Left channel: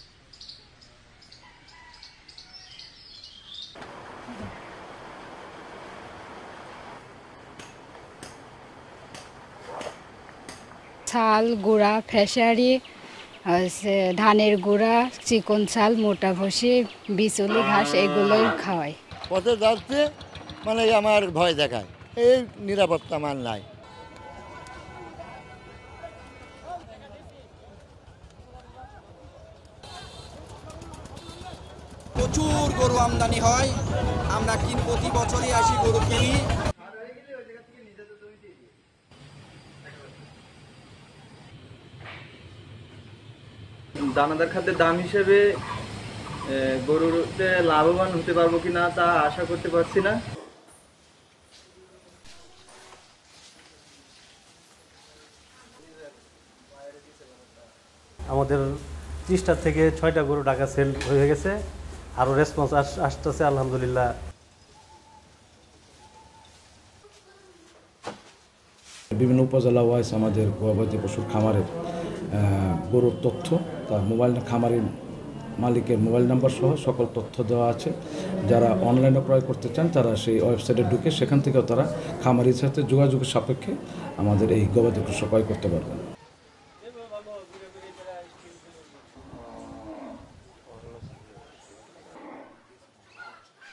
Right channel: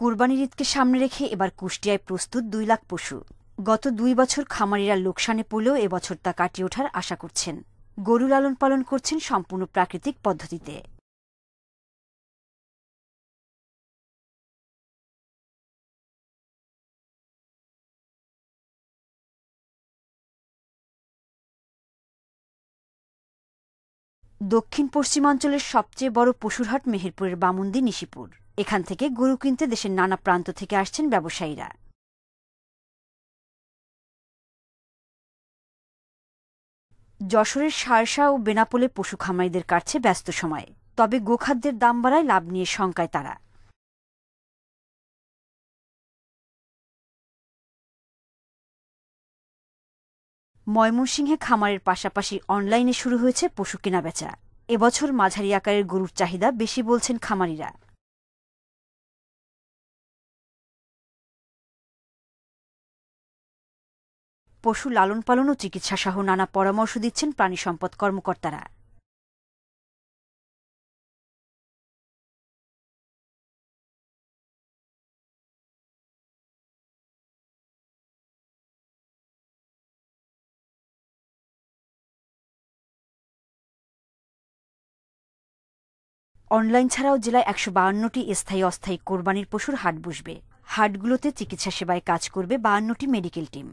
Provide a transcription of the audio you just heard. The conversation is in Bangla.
কোরবানির ঈদকে সামনে রেখে এবার কুষ্টিয়ায় প্রস্তুত 2 লাখ পশু। গত 2 বছর খামারিরা লোকসানে পড়লেও এবছর তা কাটিয়ে ওঠার আশা করছেন। গরু লালন পালন করছেন সম্পূর্ণ প্রাকৃতিক পদ্ধতিতে। ছাল গুঁড়া ফেসারি ধানের গুঁড়া চিকন ছাল মোটা ভুসি বিচুলি ঘাস এগুলোই খাওয়াই। পথে যাচ্ছে মানে আমার ভয় দেখায়, এই নিরাপত্তা আমার নাই। দক্ষিণ পশ্চিমাঞ্চলের সবচেয়ে বড় পশুর হাট মেহেরপুরের বামুন্দি নিশিপুর। এখান থেকে গরু কিনতে দেশের নানা প্রান্ত থেকে আসছেন ব্যবসায়ীরা। প্রচুর গরু আমদানি হয়, আমরা প্রতি বছরই আসি গরু কিনি। যশোরের শার্শা ও বেনাপোলে পশু খামারিদের কাটছে ব্যস্ত সময়। তবে গোখাদ্যের দাম বাড়ায় লাভ নিয়ে শঙ্কায় তারা। দানাদার খাদ্যের দাম হিসেবে গরুতে লাভবান হতে পারবো কিনা তা আশা করতে পারছি না। ময়মনসিংহে খামারের পাশাপাশি অনলাইনে শুরু হয়েছে পশু কেনাবেচা। এবছর মাঝারি আকারের গরুর চাহিদা বেশি বলছেন খামারিরা। আমাদের 30টা থেকে 6টা গরু ঢাকা সেল হয়ে গেছে, আরও রেসপন্স আসতেছে আলহামদুলিল্লাহ। পশু লালন পালন ও চিকিৎসা সহ নানা পরামর্শ দিচ্ছেন প্রাণী সম্পদ কর্মকর্তারা। বিভিন্ন উপজেলা ওয়াইজ আমাদের গবাদি পশুর খামারের গরুর তথ্য, তার খামারের মালিকের মোবাইল নাম্বার সহ সকল তথ্য দেওয়া আছে। যারা অনলাইনে ক্রয় করতে চান তারা সেই ওয়েবসাইটে ঢুকে সেখান থেকেও তারা খামারির সাথে যোগাযোগের সাপেক্ষে আমাদের এই গবাদি পশু ক্রয় করতে পারবেন। অনলাইন ছাড়াও জেলায় 152টি স্থায়ী অস্থায়ী কোরবানির পশুর হাট বসবে। হাটগুলোতে চিকিৎসা সেবায় কাজ করবে 52টি মেডিকেল টিম।